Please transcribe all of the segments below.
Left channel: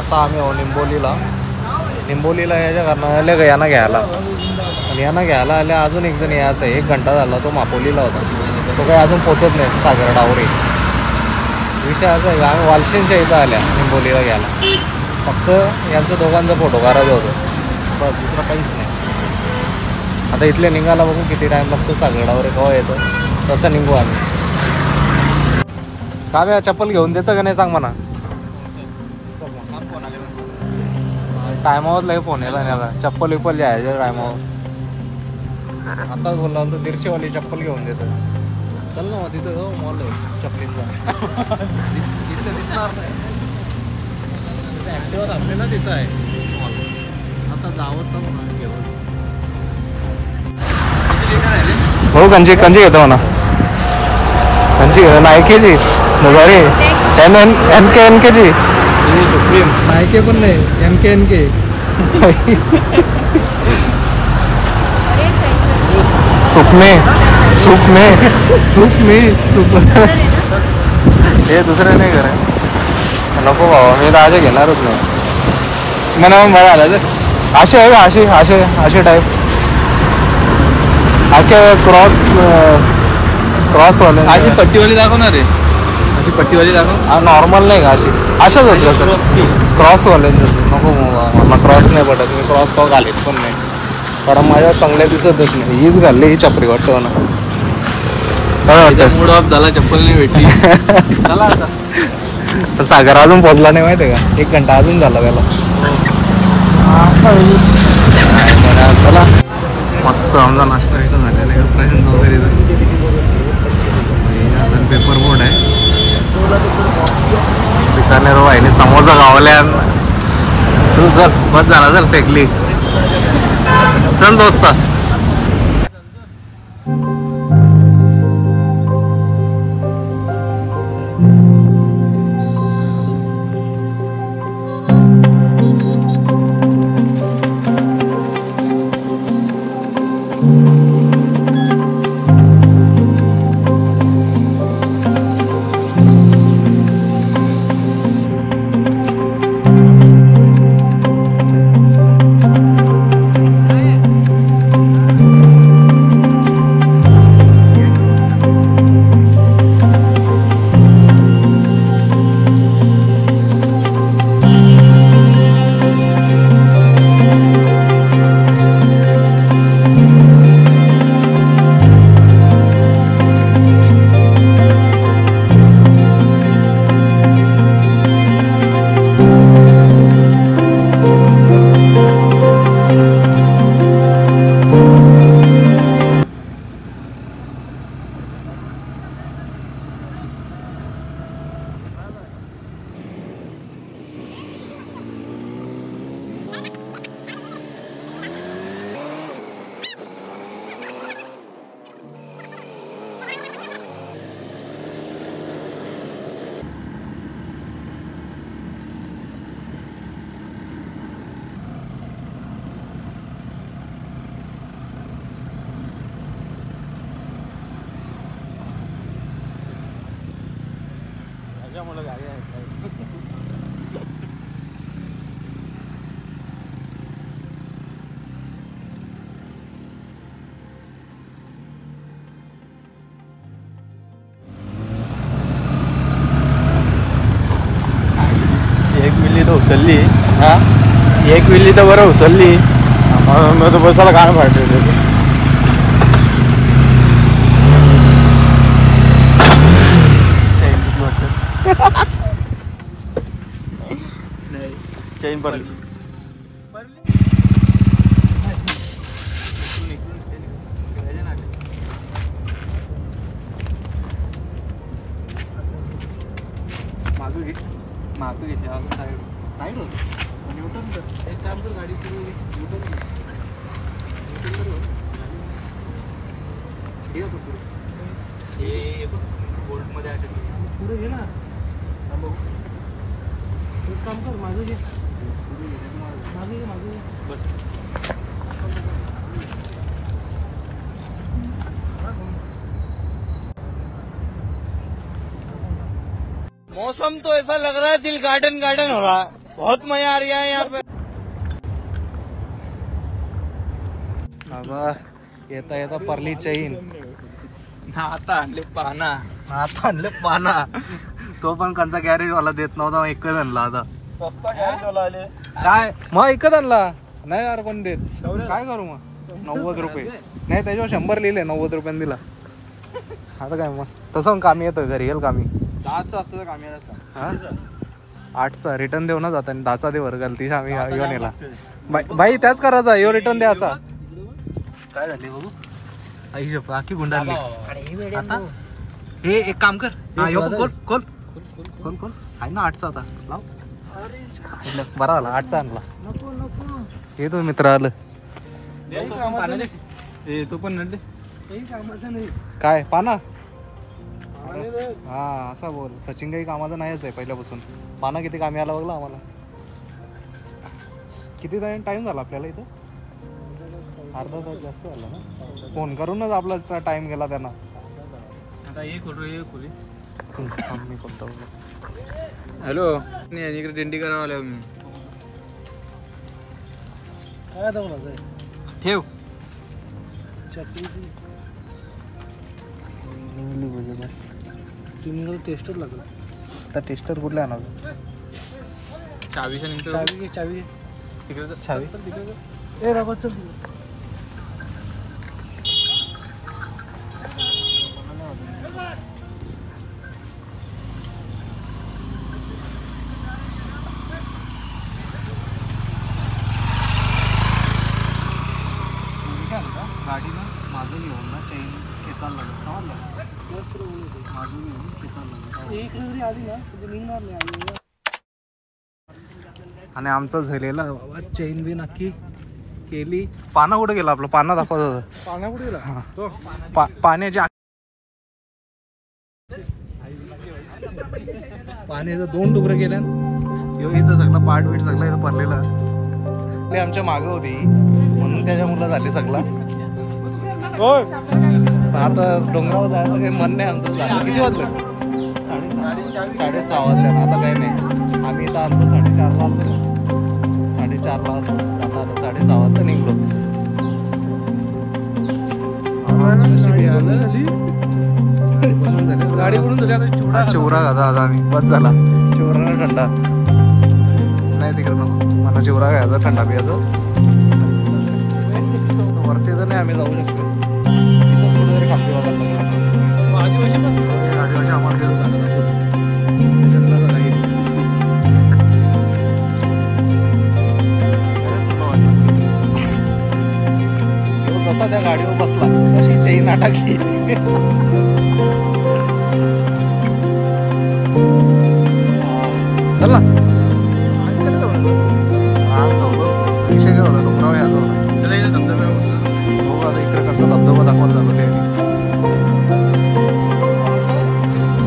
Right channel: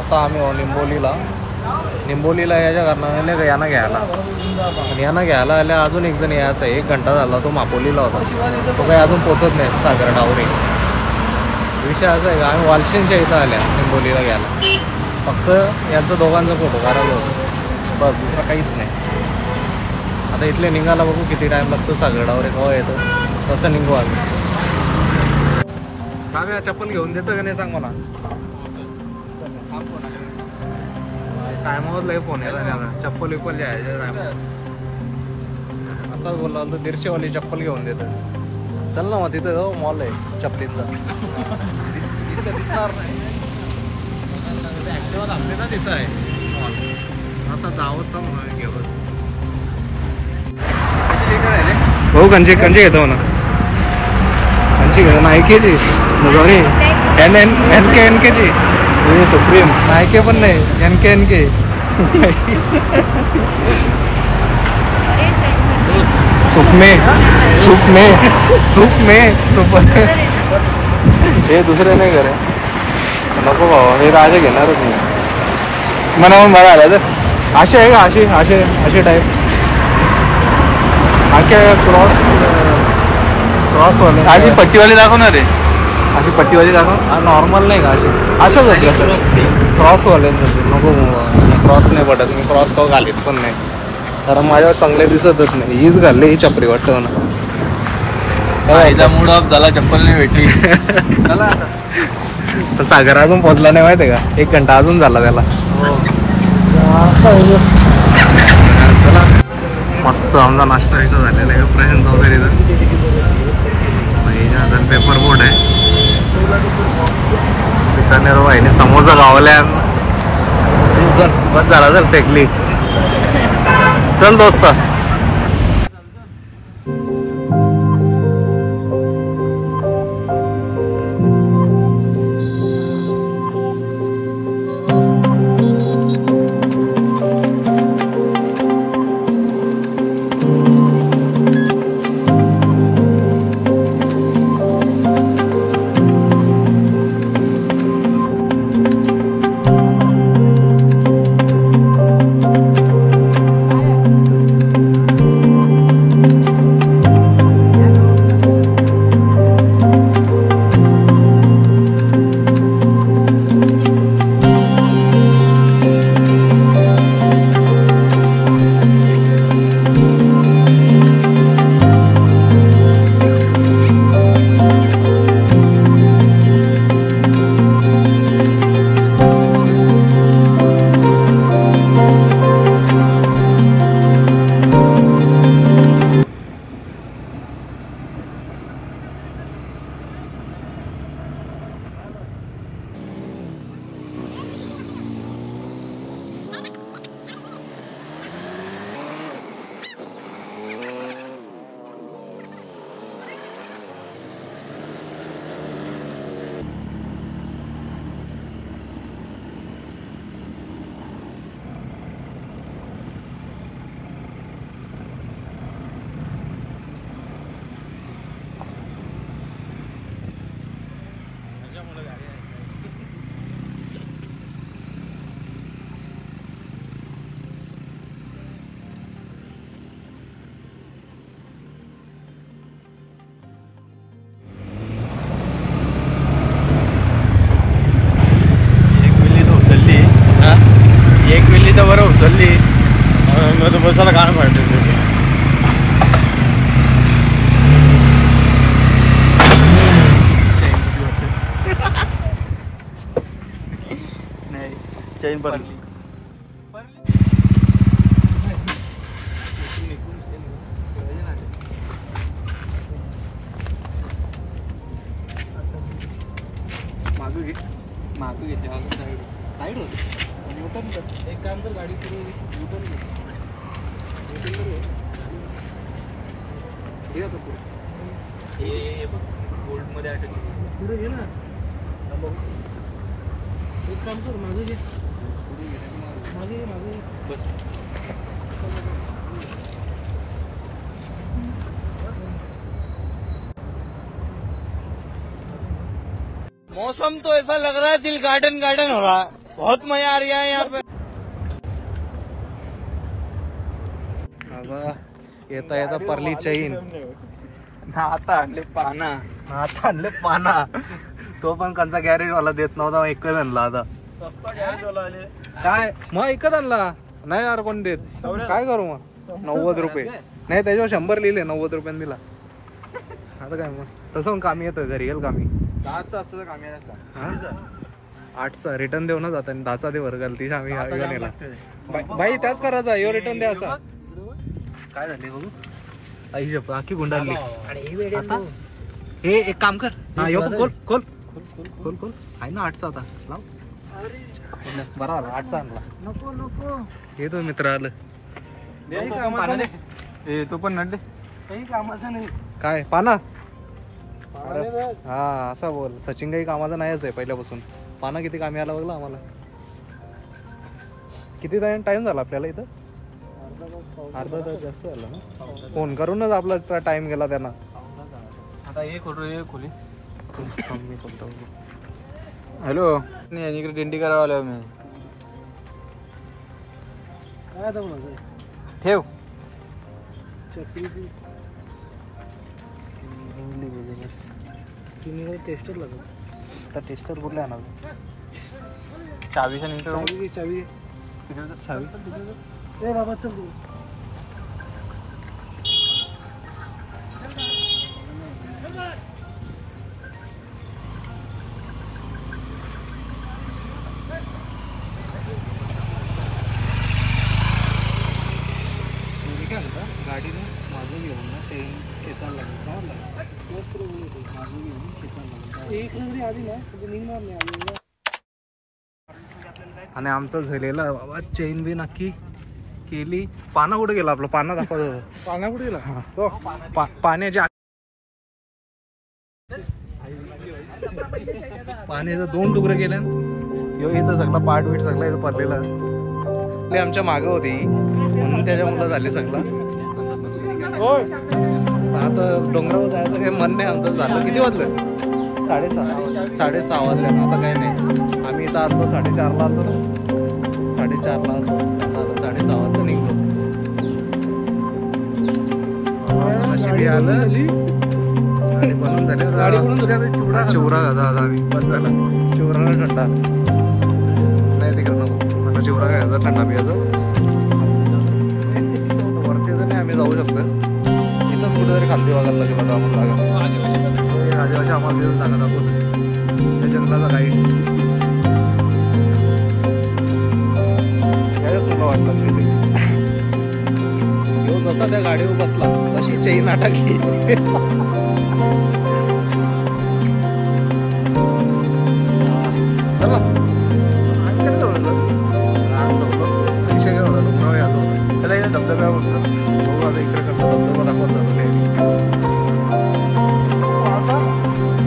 आता आम्ही निंबोलीला याच्या कारणाने आले का यांना घ्यायला, आणि यांना घ्यायला आल्या अजून एक जण यायचा आहे. 1 घंटा झाला तो मापोलीला होता, तो काही अजून पोचत नाही सागर डावरे. विषय असा आहे का आम्ही वालशेनच्या इथं आल्या निंबोलीला घ्यायला, फक्त यांचं दोघांचा फोटो काढायचा होतं बस, दुसरा काहीच नाही. आता इथले निघायला बघू किती टाईम लागतो, सागर डावरे केव्हा येतं तसं निघू आम्ही. काव्या चप्पल घेऊन देतं का नाही सांग म्हणा. टायमावर लय फोन येतात ना, चप्पल विप्पल जायचं टायमावर. आताच बोलला होतं 150वाली चप्पल घेऊन देतं. चल ना मग तिथं हो मॉल आहे चप्पलींचा. तिथलं दिसणार नाही, ॲक्टिवा थांबले ना तिथं आहे मॉल. आता जावं तर म्हणा घेऊन भाऊ. कंची घेतो म्हणा, कंची घेतो नायकीची सॉरी एन के ची नायके पण नाही एन के सूप में हे दुसरे नाही करे नको बाबा, मी तर असे घेणारच नाही. मला आलं तर असे आहे का, असे टाईप आखे क्रॉसवाले अशी पट्टीवाली दाखवणार आहे. अशी पट्टीवाली दाखव. हा नॉर्मल नाही का, अशाच होत का सर क्रॉसवाल्यांचं. नको मला क्रॉस नाही पडत, मी क्रॉस का घालीत पण नाही, कारण माझ्या चांगल्या दिसतच नाही. हीच घालली ही चपरी वाटतं ना. मूड ऑफ झाला, चप्पल नाही भेटली. तर सागर अजून पोचला नाही माहिती आहे का, 1 घंटा अजून झाला त्याला. चला मस्त आमचा नाश्ता झालेला आहे प्रशांत वगैरे. पेपर बोर्ड आहे बिकानेर वाहिनी समोसा गावल्या. चल बस झाला, चल टेकली, चल दोस्त. एक विल्ली तर बरं उचलली, मग बसायला गाणं फाटलं. चैन पडली. मागं घेतली अजून साईड होतं. न्यूटन कर, एक काम कर, गाडी पुढे न्यूटन कर, हे होतं पुढे. हे बघ बोल्टमध्ये अटकली, पुढे घे ना. बघू एक काम कर, मागे घे, मागे बस. मौसम तो ऐसा लग रहा है दिल गार्डन गार्डन हो रहा है. बहुत मजा आ रहा है यहाँ पे। आता येता येता परली चैन आता आणले पाना, आता आणले पाना. तो पण कंचा गॅरेज वाला देत नव्हता, एकच आणला आता. स्वस्त गॅरेज वाला आले काय मग एकच आणला नाही यार कोण देत. काय करू मग 90 रुपये नाही त्याच्यावर 100 लिहिले 90 रुपयाने दिला. आता काय मग तसं कामी येतं घरी येईल कामी. 10चं असतं तर कामी येतात. हा 8चा रिटर्न देऊ ना जाता 10चा दे वर्गाल ती आम्ही येऊन येला. बाई त्याच करायचा यो रिटर्न द्यायचा. काय झाले बघू आई शप आखी गुंडाळली आता. हे एक काम कर हा यो खोल खोल खोल खोल आहे ना 8चा आता लाव. बरा आला 8चा आणला. हे तो मित्र आलं तो पण नट दे. काही कामाचं नाही काय पाना. अरे हा असा बोल सचिन काही कामाचा नाहीच आहे पहिल्यापासून. पाना किती कामी आला बघला आम्हाला. किती टाइम झाला आपल्याला इथं. अर्धा तास जास्त झाला ना. फोन करूनच आपला टाइम गेला त्यांना. आता एक फोटो एक खोली. मी कोणता हॅलो इकडे दिंडी करावं आलो मी. ठेव टेस्टर लागला. आता टेस्टर कुठला येणार. चावीच्या निघतो चावी तिकडे चावी तिकडे बाबा चल. गाडी ना मागं घेऊन ना चैन खेचायला लागेल. समजलं मागं घेऊन खेचायला लागेल. एक रेवरी आली ना निघणार नाही. आणि आमचं झालेलं बाबा चैन बी नक्की केली. पाना कुठे गेला आपलं. पाना दाखवत होतं. पाना कुठे गेला. पाण्याच्या पाण्याचं 2 तुकडे केले. यो इथं सगळं पाठ बीट सगळं इथं पडलेलं. आमच्या मागं होती म्हणून त्याच्या मुलं झाले सगळं. आता डोंगरावर जायचं काही मन नाही आमचं. झालं किती वाजलं 6:30 वाजल्या. आता काही नाही आम्ही इथं आलतो 4:30ला आलतो ना. 4:30ला आलतो. आता 6:30 वाजता निघतो. नशिबी आलं बनून झाले. गाडी बनून झाली. चिवरा दादा आता आम्ही बस झाला. चिवरा थंडा नाही तिकडे नको मला. चिवरा घ्यायचा थंडा पियाचा. वरती तर नाही आम्ही जाऊ शकतो. इथंच कुठेतरी खालती बघायला लागेल आता आम्हाला. आदिवासी आम्हाला देऊन जागा दाखवतो जंगलाचा गाईड. बऱ्याच मला वाट लागली ती. तो जसा त्या गाडीवर बसला तशी चैन अटकली. चल ना रिक्षा घेत होता डोंगरावर यायचा होता. धबधब्यावर आता इकडे कसं धबधबा दाखवायला झालो नाही.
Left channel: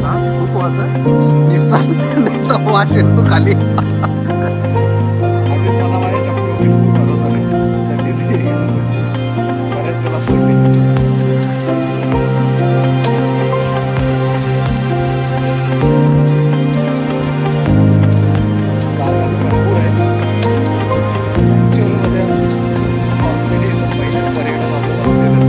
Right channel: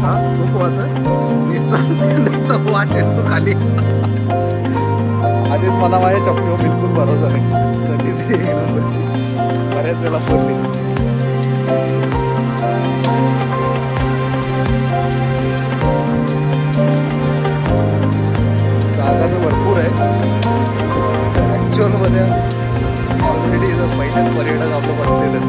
हा खूप वाटत नीट चाल वाटेल तू खाली. आधीच मला माझ्या चपलीवर बिलकुल भरोसा नाही. त्यांनी बऱ्याच वेळा पडली. भरपूर आहे ऍक्च्युअल मध्ये. ऑलरेडी पहिलेच पर्यटक आपलं बसलेलं.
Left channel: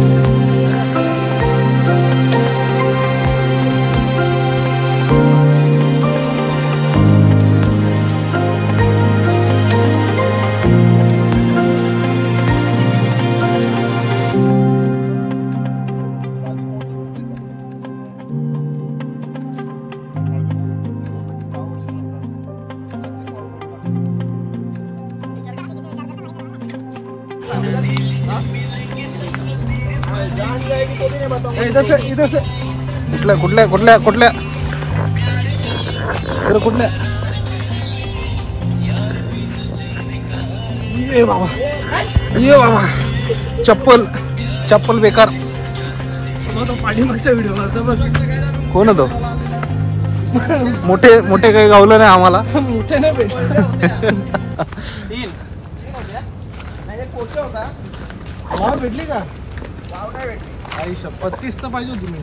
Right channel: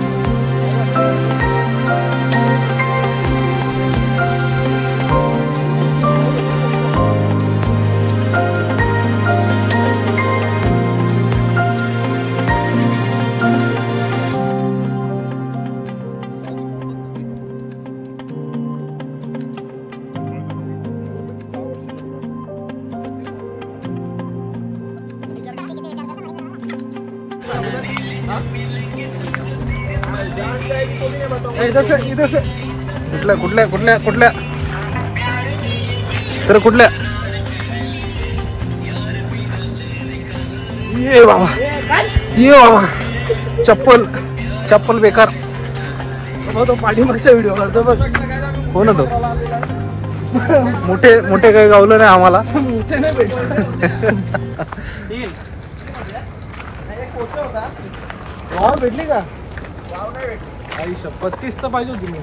कुठल्या कुठल्या कुठल्या कुठल्या तर कुठल्या. ये बाबा चप्पल चप्पल बेकार. पाठीमागचा व्हिडिओ करतो बघ. कोण होतो. मोठे मोठे काही गावलं नाही आम्हाला. मोठे नाही भेटली का. 35 तर पाहिजे होती मी.